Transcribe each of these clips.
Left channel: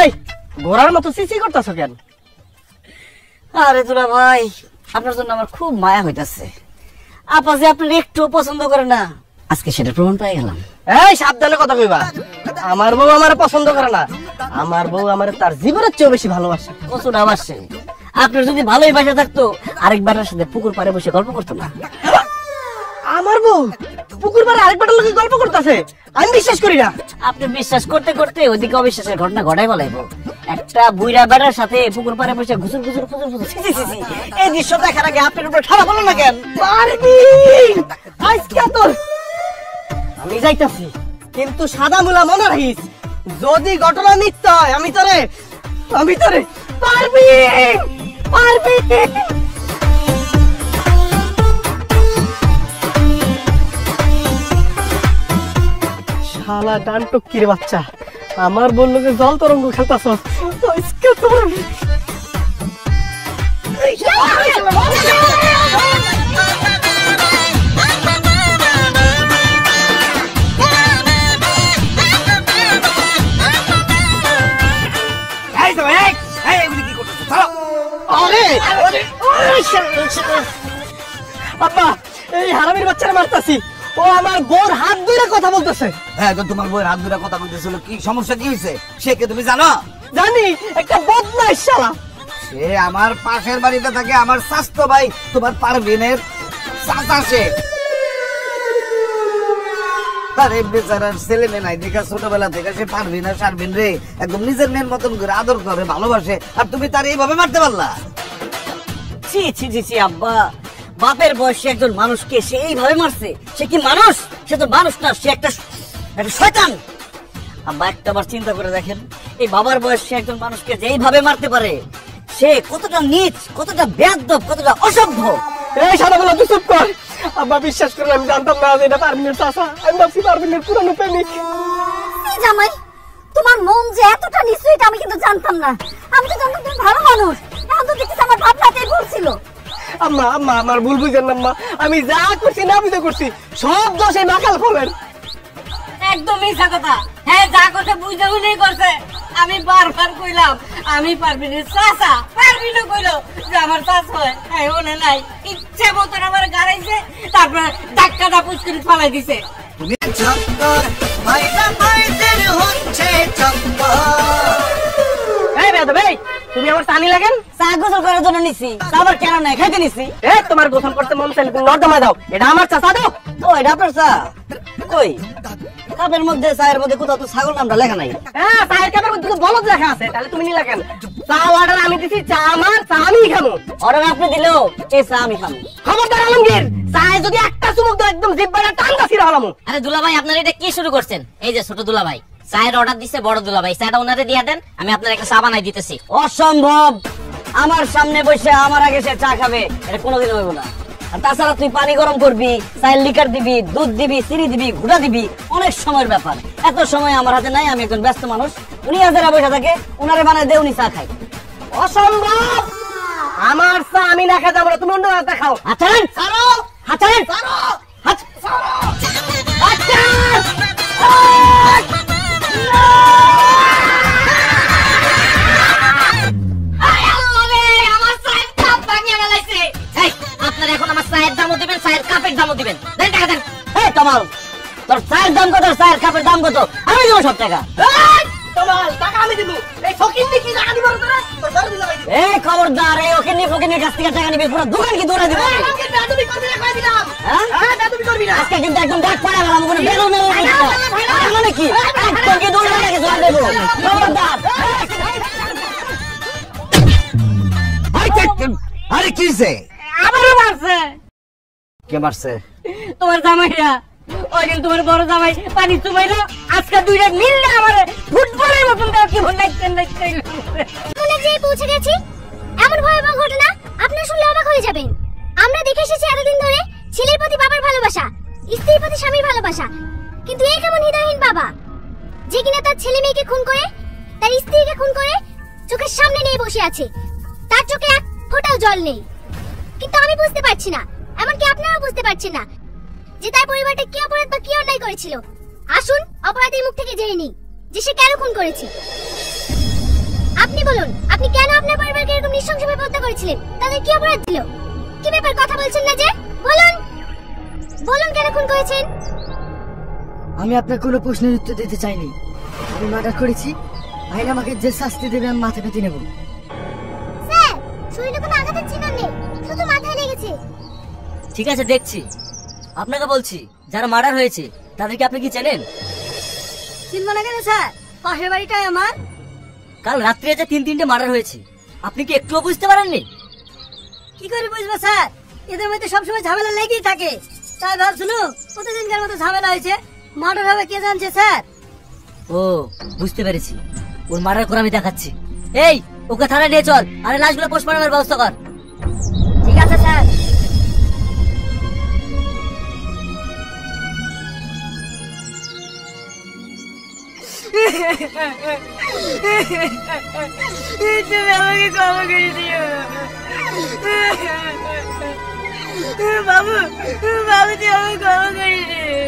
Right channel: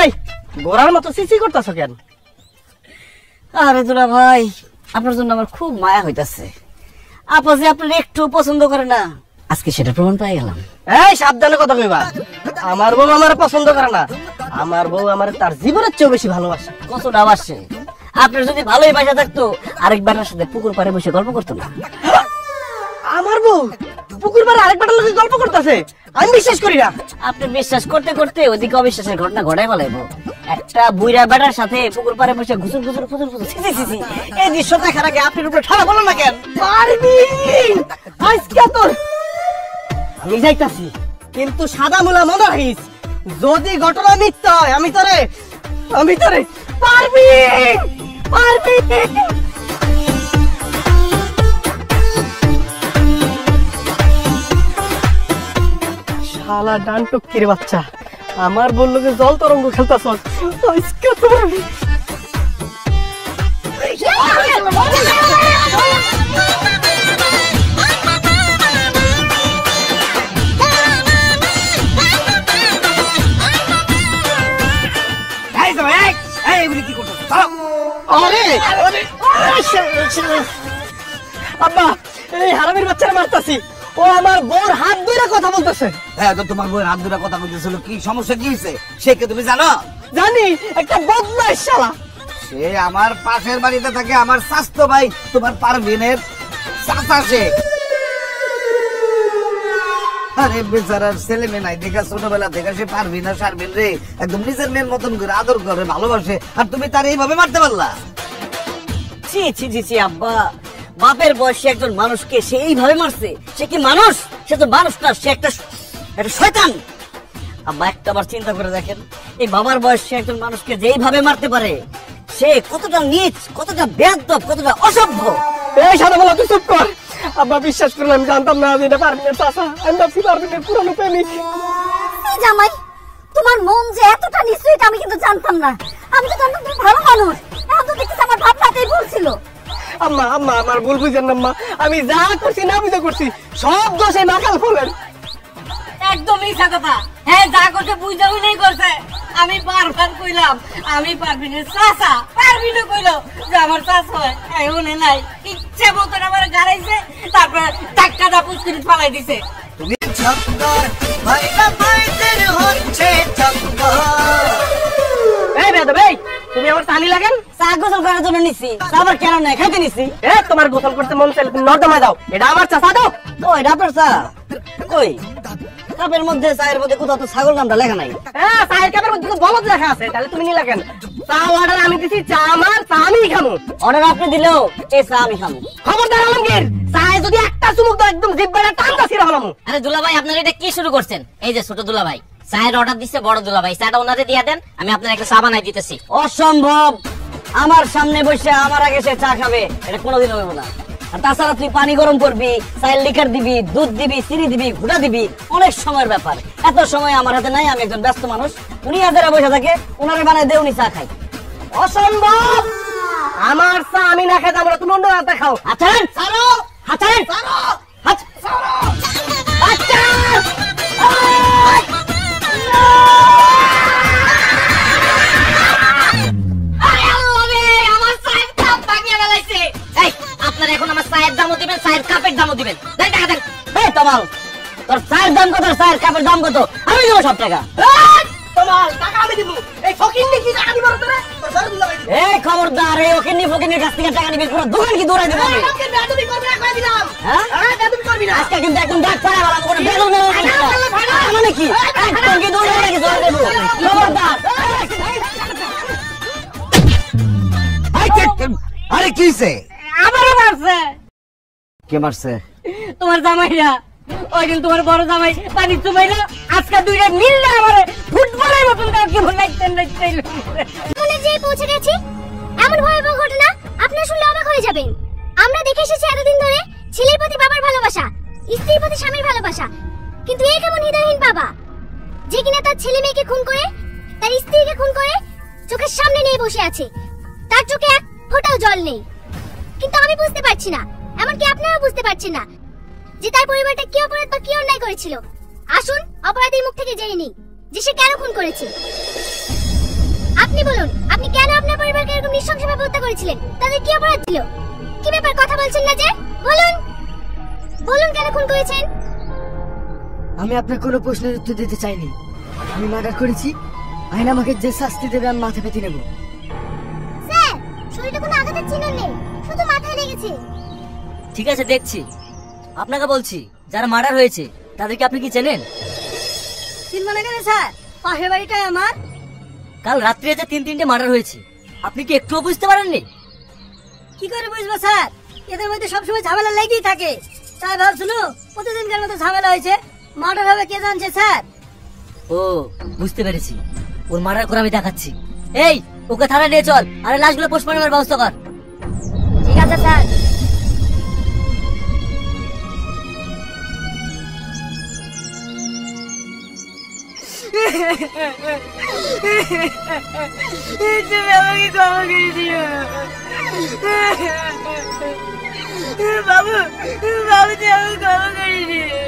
এই ঘোড়ার মতো সিসি করতেছো কেন? আরে দুলা ভাই, আপনার জন্য আমার খুব মায়া হইতাছে। আপা যে আপনার একটু পছন্দ করে না, আজকে সেটা প্রমাণ পাই গেলাম। এই সাবধানে কথা কইবা। আমার বউ আমার পছন্দ করে না, আমার বউ আমার তার জীবনের চেয়েও বেশি ভালোবাসে। কতটা বাসে? আপনার যদি ভালোই বাসা থাকতো আরেকবারের সাথে পুকুর পাড়ে বসে গল্প করতো না। আমার বউ পুকুর পাড়ে আরেকবার লোকে গল্প করতেছে? আমি বিশ্বাস করি না। আপনি বিশ্বাস করতে করতে ওইদিকে অবিশ্বাসের ঘটনা ঘটাই ফেলাইব। একটা বুইড়া বেড়ার সাথে পুকুর পাড়ে বসে ঘুষুর ঘুষুর ঘুষুর ঘুষুর। এই দৃশ্য দেখার আগে আপনার উপরে ঠাড়া বলো না কেন? আজকে তোর আমি যাইতাছি, কিন্তু সাদা মুলা মনে রাখিস, যদি ঘটনা মিথ্য হয় আমি তোরে পারবি পারবি। শালা ডান টুকির বাচ্চা, আমার বললো যে জল তরঙ্গ খেলতাছ। আজকে তোর আব্বা, এই হারামির বাচ্চারা মারতাছি, ও আমার বউর হাত ধরে কথা বলতেছে। হ্যাঁ, তো তোমার বউয়ের হাত ধরে কথা বলতেছিল, কি সমস্যা কি হয়েছে সে কে তুমি জানো? জানি, একটা বদমাইশ শালা। সে আমার পাশের বাড়িতে থাকে, আমার স্বাস্থ্য ভাই তোমার পারভিনের চাচা সে। আরে বেচারার ছেলে মেয়ে নাই দেখা, ছোটবেলা থেকে সে পারভিন আর সারভিন রে একদম নিজের মেয়ের মতন করে আদর করে ভালোবাসে, আর তুমি তার এইভাবে মারতে পারলা? ছি ছি ছি ছি আব্বা, বাপের বয়সে একজন মানুষকে সে এইভাবে মারছে? সে কি মানুষ? সে তো মানুষ না, সে একটা শয়তান। আব্বা একটা বার চিন্তা করে দেখেন, এই বাবার বয়সে একজন মানুষকে যেইভাবে মারতে পারে, সে কতটা নীচ, কতটা বেয়াদব, কতটা অসভ্য। এই সারা বলা তুই চুপ কর। আব্বা বিশ্বাস করলে আমি জানতাম না যে এটা পারভিনের চাচা। আমি ভাবছি পারভিনের পুরানো প্রেমিক। জামাই, তোমার মন যে এতটা নিশ্চয়ই আমি কিন্তু জানতাম না। আমি তো জানতাম তুমি ভালো মানুষ। এখন তো দেখতেছি আমার ভাবনাতেই ভুল ছিল। আম্মা আম্মা আমার ভুল বুঝেন না আম্মা, আমি যা করছি না বুঝে করছি, সব দোষে নাকাল ফলের। একদমই কথা। হ্যাঁ, যা করছে বুঝে বুঝে করছে। আমি বারবার কইলাম আমি পারভিনের চাচা, পারভিনও কইলো যে আমার চাচা হয়, এখন নাই, ইচ্ছে মতন আমার গাড়াইছে, তারপর টাক্কাটা পুষ্করি পালাই দিছে। তুমি চক্কর ভাইটা ভাইদের হচ্ছে চক্কর। এই বেদব, এই তুমি আমার পানি লাগেন? চা গোসল করার জন্য নিছি, আবার কেন নাই খাইতে নিছি। এই তোমার গোসল করতে মন চাইলে তুমি নর্দমা দাও, এটা আমার চাচা দাও। ও এটা আপনার চা? কই কাপের মধ্যে, চায়ের মধ্যে কোথাও তো ছাগল নামটা লেখা নাই। হ্যাঁ, চায়ের কাপের মধ্যে তো বলদ লেখা আছে, তাহলে তুমি নিলা কেন? চা অর্ডার আমি দিছি, চা আমার, চা আমিই খামু। অর্ডার আপনি দিলেও এই চা আমি খাবো। খবরদার আলমগীর, চায়ে যদি একটা চুমুক দাও একদম জিহ্বাটা টানটা ছিঁড়া হলামু। আরে দুলাভাই, আপনারা এটা কি শুরু করছেন? এই যে ছোট দুলাভাই চায়ের অর্ডার দিচ্ছে, বড় দুলাভাই চাটা ওনারে দিয়ে দেন, আমি আপনার একটা চা বানাই দিতেছি। অসম্ভব, আমার সামনে বসে আমার আগে সে চা খাবে, এটা কোনোদিন হইব না। আর তাছাড়া তুই পানি গরম করবি, চায়ের লিকার দিবি, দুধ দিবি, চিনি দিবি, ঘুটা দিবি, অনেক সময়ের ব্যাপার। এত সময় আমার হাতে নাই, আমি একজন ব্যস্ত মানুষ। উনি হাজারা বসে থাকে, উনারে বানাই দে, উনি চা খাই। অসম্ভব, আমার চা আমি না খেতে আমরা, তুমি অন্য হাতে খাও। হাঁচান হাঁচান আপনারা এখন আমার চায়ের দামও দিবেন, চায়ের কাপের দামও দিবেন। দেন টাকা দেন। এই তমাল, তোর চায়ের দাম কত, চায়ের কাপের দাম কত? আমি দেবো সব টাকা। তোমার টাকা আমি দিব। এই ফকিন্নি কি টাকা দিবার তোরা? এই খবরদার, এই ওখানে ফকিনের কাছ থেকে টাকা নিবি, পুরো দোকান কি দৌড়াই দেবো? তুমি করবি না, কই দিলাম। হ্যাঁ, তুমি করবি না। আজকে কিন্তু একদম ডাক পড়া গেলাম, কোনো বেরো নেবো নাকি? আজকে দৌড়াই লাগে, জল দেবো। খবরদার। আরে কিসে আবারও মারছে। কে মারছে? তোমার জামাইরা, ওই দিন তোমার বড় জামাই পানি চুমাইলো, আজকে দুইটা মিললে আমার ফুটবলের মতন কেমন নাচতেন। স্কুলে যেয়ে পৌঁছে গেছি, এমন ভয়াবহ ঘটনা আপনি শুনলে অবাক হয়ে যাবেন। আমরা দেখে এসেছি এতদিন ধরে ছেলের প্রতি বাবার ভালোবাসা, স্ত্রীর প্রতি স্বামীর ভালোবাসা, কিন্তু এই কেমন হৃদয়হীন বাবা, যে কিনা তার ছেলে মেয়েকে খুন করে, তার স্ত্রীকে খুন করে চোখের সামনে নিয়ে বসে আছে, তার চোখে এক ফোঁটাও জল নেই। কিন্তু আমি বুঝতে পারছি না, এমনকি আপনারাও বুঝতে পারছেন না যে তার পরিবারটা কি অপরাধ বা কি অন্যায় করেছিল। আসুন অপরাধীর মুখ থেকে জেনে নিই। যে সে কেন খুন করেছে। আপনি বলুন, আপনি কেন আপনার পরিবারকে এরকম নৃশংসভাবে হত্যা করেছিলেন? তাদের কি অপরাধ ছিল? কি ব্যাপার, কথা বলছেন না যে? বলুন বলুন, কেন খুন করেছেন? আমি আপনার কোনো প্রশ্নের উত্তর দিতে চাইনি। আমি মার্ডার করেছি, আইন আমাকে যে শাস্তি দেবে আমি মাথা পেতে নেব। স্যার, শরীরে কোনো আঘাতের চিহ্ন নেই, শুধু মাথায় লেগেছে। ঠিক আছে, দেখছি। আপনাকে বলছি, যারা মার্ডার হয়েছে তাদেরকে আপনি কি চেনেন? চিনব না কেন স্যার? পাশের বাড়িটাই আমার। কাল রাত্রে যে 3-3টে মার্ডার হয়েছে, আপনি কি একটুও বুঝতে পারেননি? কি করে বুঝবো স্যার? এদের মধ্যে সবসময় ঝামেলা লেগেই থাকে। তাই ভাবছিল প্রতিদিনকার মতো ঝামেলা হয়েছে, মার্ডার হবে কে জানছে স্যার। ও, বুঝতে পেরেছি। ওর মার্ডার করে আমি দেখাচ্ছি। এই, ওকে থানায় নিয়ে চল, আরে লাশগুলো পোস্টমর্টমের ব্যবস্থা কর। ঠিক আছে স্যার। তুমি আমাকে ক্ষমা করে দিও বাবু, বাবু তুমি আমাকে ক্ষমা করে দিও।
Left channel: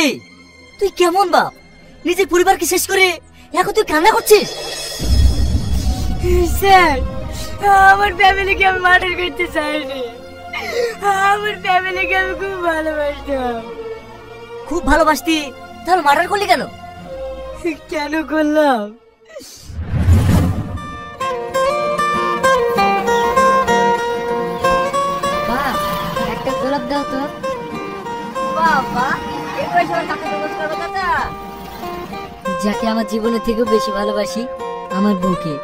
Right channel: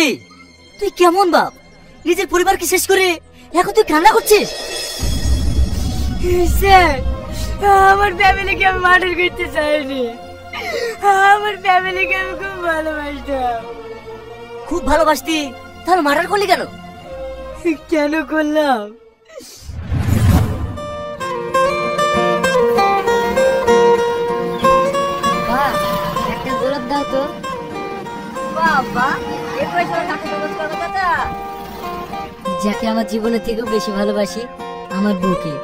এই, তুই কেমন বাপ? নিজের পরিবারকে শেষ করে এখন তুই কান্না করছিস? স্যার, আমার ফ্যামিলিকে আমি মার্ডার করতে চাইনি। আমার ফ্যামিলিকে আমি খুব ভালোবাসতাম। খুব ভালোবাসতি, তাহলে মার্ডার করলি কেন? কেন করলাম? একটা গোলাপ দাও তো। বাবা, এই বয়সে কাকে প্রপোজ করবো চাচা? যাকে আমার জীবনের থেকেও বেশি ভালোবাসি, আমার বউকে।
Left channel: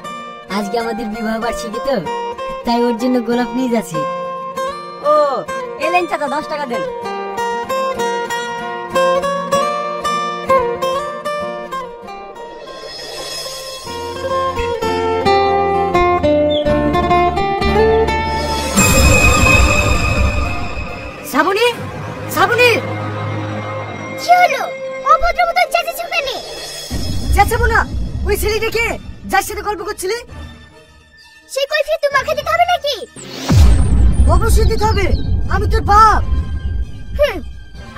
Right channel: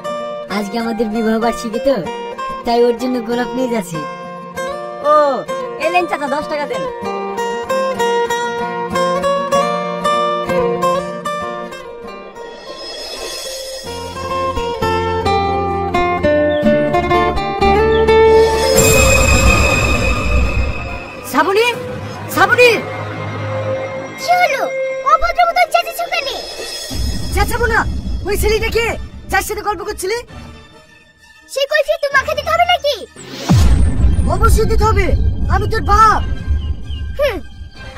আজকে আমাদের বিবাহ বার্ষিকী তো, তাই ওর জন্য গোলাপ নিয়ে যাচ্ছে। ও, এলেন চাচা, 10 টাকা দেন। শ্রাবণী, শ্রাবণী! কি হলো? অভদ্র মতো চেঁচেছো কেন? চেঁচাবো না। ওই ছেলেটাকে যার সাথে গল্প করছিলি, সেই কৈফিয়ত তোমাকে দিতে হবে নাকি? অবশ্যই দিতে হবে। আমি তোর বাপ।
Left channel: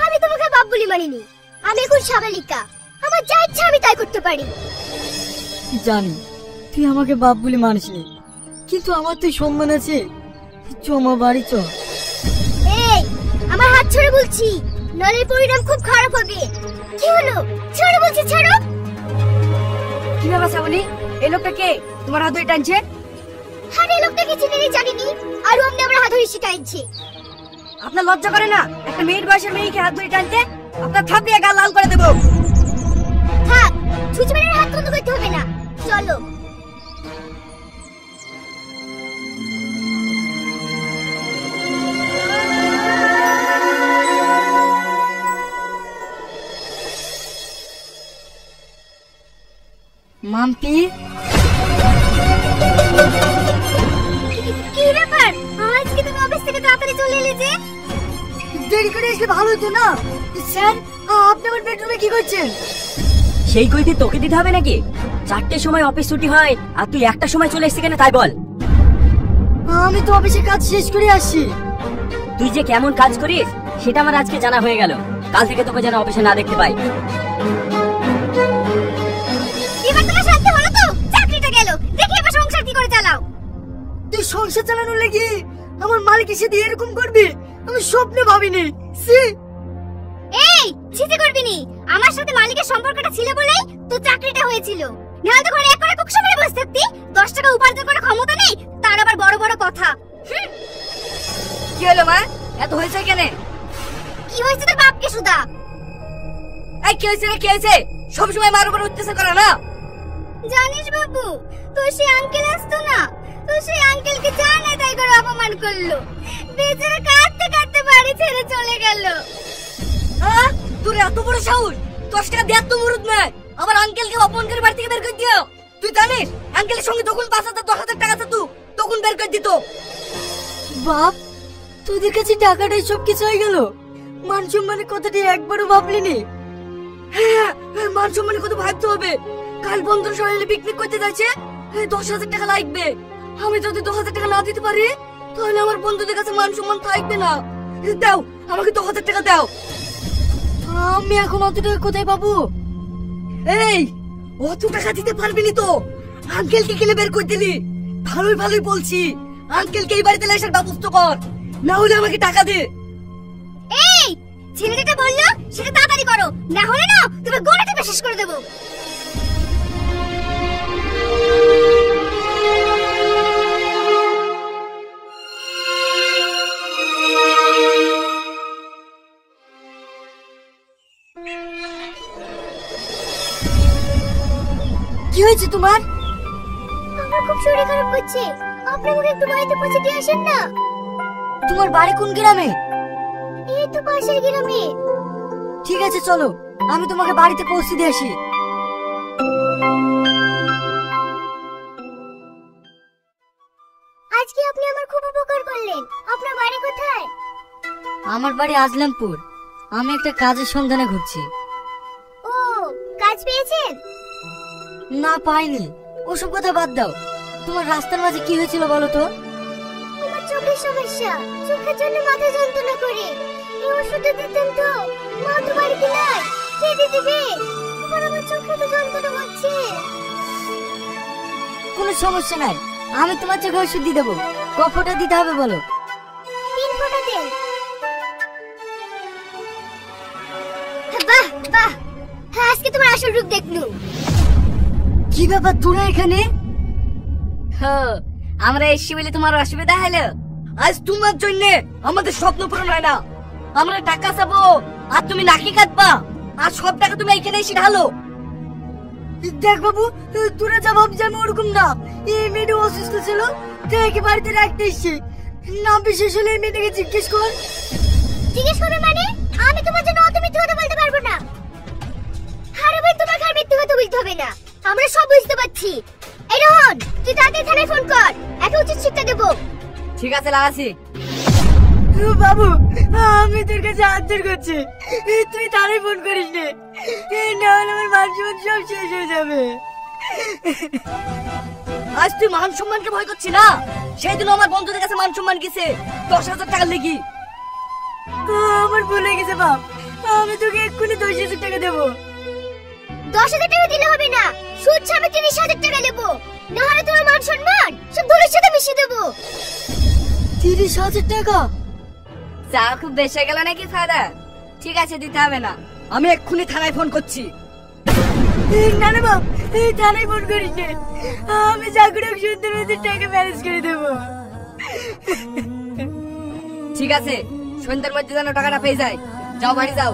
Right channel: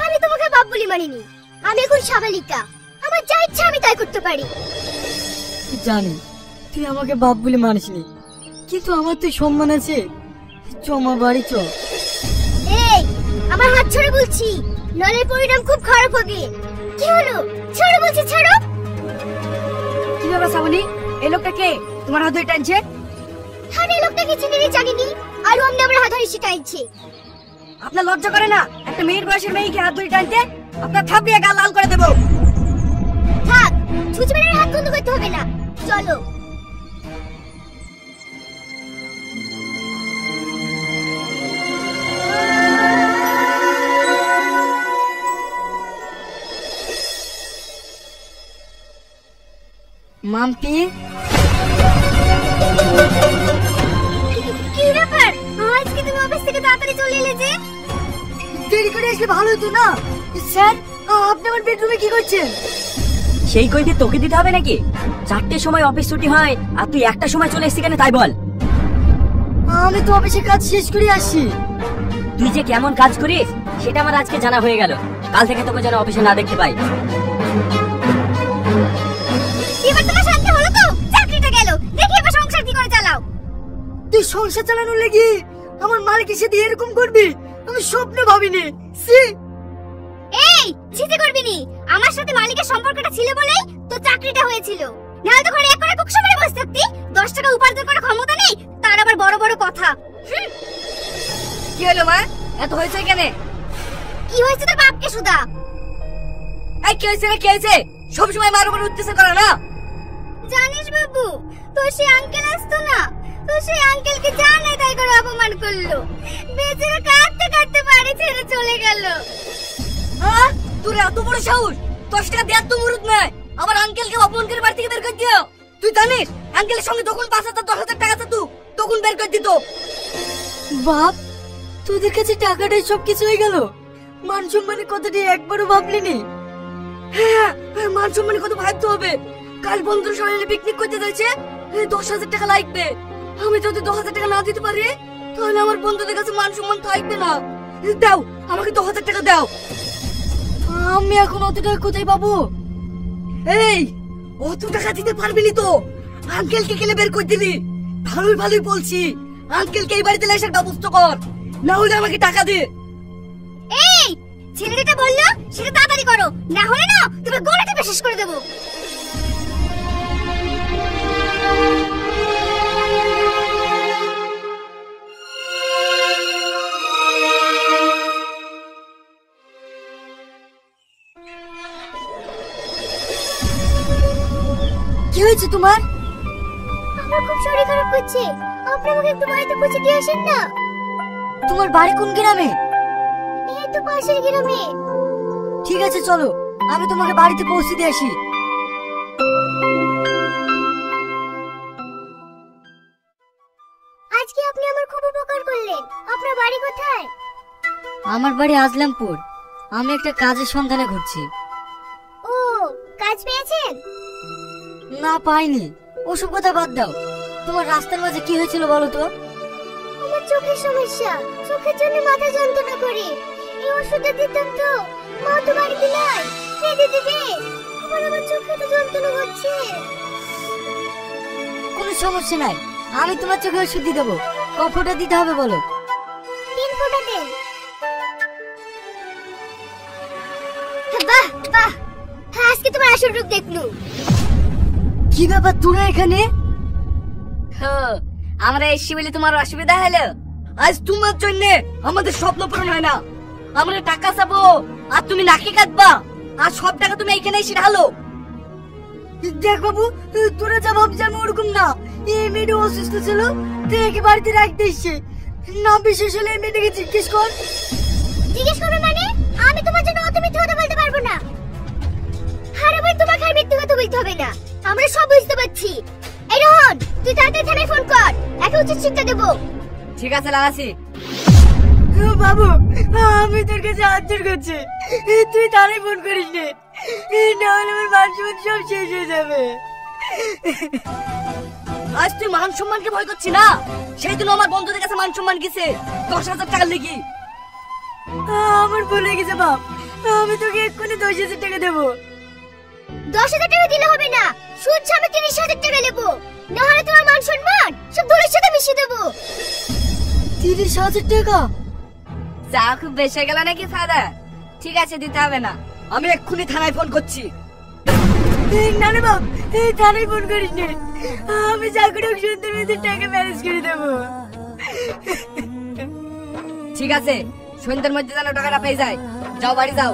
আমি তোমাকে বাপ বলি মানিনি। আমি এখন সাবালিকা, আমার যা ইচ্ছা আমি তাই করতে পারি। জানি তুই আমাকে বাপ বলে মানিস নি, কিন্তু আমার তো সম্মান আছে। চমা বাড়ি চ। এই, আমার হাত ছড়ে বলছি, নলে পরিণাম খুব খারাপ হবে। কি হলো? ছাড়ো বলছি, ছাড়ো। কি ব্যাপার শ্রাবণী? এই লোকটা কে তোমার হাত ধরে টানছে? আরে লোকটাকে চিনি জানিনি, আর অমনি আমার হাত ধরে টানছে। আপনার লজ্জা করে না একটা মেয়ের বয়সের মেয়েকে হাত ধরে টানতে? আপনার থাপিয়ে গা লাল করে দেবো। থাক, ছুচমের হাত বন্ধ করতে হবে না, চলো। মাম্পি, কি ব্যাপার? আজকে তুমি অফিস থেকে তাড়াতাড়ি চলে এলে যে? দেরি করে আসলে ভালো হতো না? স্যার, আপনি আমার বেডরুমে কি করছেন? সেই কৈফি তোকে দিতে হবে নাকি? 4টের সময় অফিস ছুটি হয় আর তুই 1টার সময় চলে এসেছিস কেন তাই বল। আমি তো অফিসে কাজ শেষ করে আসি। তুই যে কেমন কাজ করিস সেটা আমার আজকে জানা হয়ে গেল। কাল থেকে তোকে যেন অফিসে না দেখতে পাই। এবার তোমার শান্তি হলো তো? চাকরিটা গেল, দেখি এবার সংসার কি করে চালাও। তুই সংসার চালানোর লাগি আমার মালিকের সাথে এরকম করবি আমি স্বপ্নে ভাবিনি। এই, ছিতে করবি নি। আমার সাথে মালিকের সম্পর্কটা ছিল বলেই তো চাকরিটা হয়েছিল। নাহলে তো ঘরে এক করে কুকসা মেরে বসে থাকতি। 10 টাকা উপার্জন করার ক্ষমতা নেই, তার আবার বড় বড় কথা। কি হলো মা? এত হয়েছে কেন? কি হয়েছে তোর বাপকে সুদা? এই কি হয়েছে রে, কি হয়েছে? সবসময় মার উপর উত্তেজনা করা না? জানিস বাবু, তোর সেই আঙ্কেল আসতো না, তো সেই আঙ্কেলকে যা নাই তাই করে অপমান করলো। বেচারা কাঁদতে কাঁদতে বাড়ি ছেড়ে চলে গেল। হ্যাঁ, তোর এত বড় সাহস? 10 টাকা দেওয়ার তো মুরুদ নয়, আবার আঙ্কেলকে অপমান করে বাড়ি থেকে বের করে দিও। তুই জানিস আঙ্কেলের সঙ্গে যখন 5,000-10,000 টাকা থাকতো তখন বের করে দিত। বাপ, তোদের কাছে টাকাটাই সব কিছু হয়ে গেল? মান সম্মানের কথাটি একবারও ভাবলিনি? হ্যাঁ, মান সম্মানের কথা ভাবতে হবে। কাল বন্ধুর সবাই মিলে পিকনিক করতে যাচ্ছে, 10,000 টাকা লাগবে। আমি যদি 10,000 টাকা না দিতে পারি তাহলে আমার বন্ধুদের কাছে মান সম্মান থাকবে না। দাও, আমাকে 10,000 টাকা দাও। আমি এখন অত টাকা কোথায় পাবো? এই, অত টাকা দিতে পারবি না তো? আঙ্কেলকে কেলে বের করে দিলি? ভালোই ভালোই বলছি, আঙ্কেলকে এই বাড়িতে আসার ব্যবস্থা কর, না হলে আমাকে টাকা দে। এই ছেলেটা বললো সেটা তাড়াতাড়ি করো, না হলে না তোমার গলা টিপে শেষ করে দেবো। কি হয়েছে তোমার? আমার খুব শরীর খারাপ করছে, আপনি আমাকে একটু বাড়িতে পৌঁছে দিয়ে আসেন না। তোমার বাড়ি কোন গ্রামে? এই তো পাশের গ্রামে। ঠিক আছে চলো, আমি তোমাকে বাড়িতে পৌঁছে দিয়ে আসি। আজকে আপনি আমার খুব উপকার করলেন। আপনার বাড়ি কোথায়? আমার বাড়ি আজলামপুর। আমি একটা কাজের সন্ধানে ঘুরছি। ও, কাজ পেয়েছেন? না, পাইনি। ওসব কথা বাদ দাও। তোমার রাস্তার মাঝে কি হয়েছিল বলো তো? আমার চোখের সমস্যা, চোখের জন্য মাথা যন্ত্রণা করে। এই ওষুধটা দিতাম তো, মা তো বাড়িতে নাই, কে দিয়ে দিবে? আমার চোখে তো যন্ত্রণা হচ্ছে। কোনো সমস্যা নাই, আমি তোমার চোখে ওষুধ দিয়ে দেবো। কফটা দিতে হবে বলো? 3 ফোঁটা দেন। বাহ বাহ, হ্যাঁ, আজকে তোমার আসল রূপ দেখলু। কি ব্যাপার তোরা এখানে? আমরা এসে বলে তোমার অসুবিধা হলো? আজ তোমার জন্য আমাদের স্বপ্ন পূরণ হয় না। আমরা টাকা চাবো আর তুমি নাকি কাটবা, আর সব টাকা তুমি এখানে এসে ঢালো। দেখ বাবু, তোরা যা ভাবছিস আমি ওরকম না। এই মেয়েটা অসুস্থ ছিল, তুই একে বাড়িতে রাখতে এসছি। না বিশেষ হলে এই মেয়েটাকে জিজ্ঞেস কর। জিজ্ঞেস করো মানে? আমি তোমার জন্য অত মিথ্যে কথা বলতে পারবো না। আরে ভাই, তোমাকে আর মিথ্যে কথা বলতে হবে না, আমরা সব বুঝতে পারছি। এই রোহন, তুই তাড়াতাড়ি থানায় ফোন কর, একে উচিত শিক্ষা দেবো। ঠিক আছে, লাগাছি। বাবু, আমি তোর কাছে হাত জোড় করছি, তুই তারাই ফোন করিস না, নাহলে আমার মান সম্মান সব শেষ হয়ে যাবে। আজ তুই মান সম্মানকে ভয় করছি না, সেই জন্য আমার বন্ধুদের কাছে মান সম্মান গেছে 10,000 টাকা লেগে। আমার ভুল হয়ে গেছে বাপ, আমি তোকে এক্ষুনি 10,000 টাকা দেবো। 10,000 টাকা দিলে হবে না, সুদ সমেত 30,000 টাকা দেবো, না হলে তোমার মান সম্মান সব দলের সাথে মিশিয়ে দেবো। 30,000 টাকা? চা খুব বেশি গেল নাকি ফাদা? ঠিক আছে, দিতে হবে না, আমি এক্ষুনি থানায় ফোন করছি। না না বাপ, তুই থানায় ফোন করিস না, আমি চাকরি সুন্দর টাকা ম্যানেজ করে দেবো। ঠিক আছে, সন্ধ্যের মধ্যে যেন টাকাটা পেয়ে যায়। যাও, বাড়ি যাও।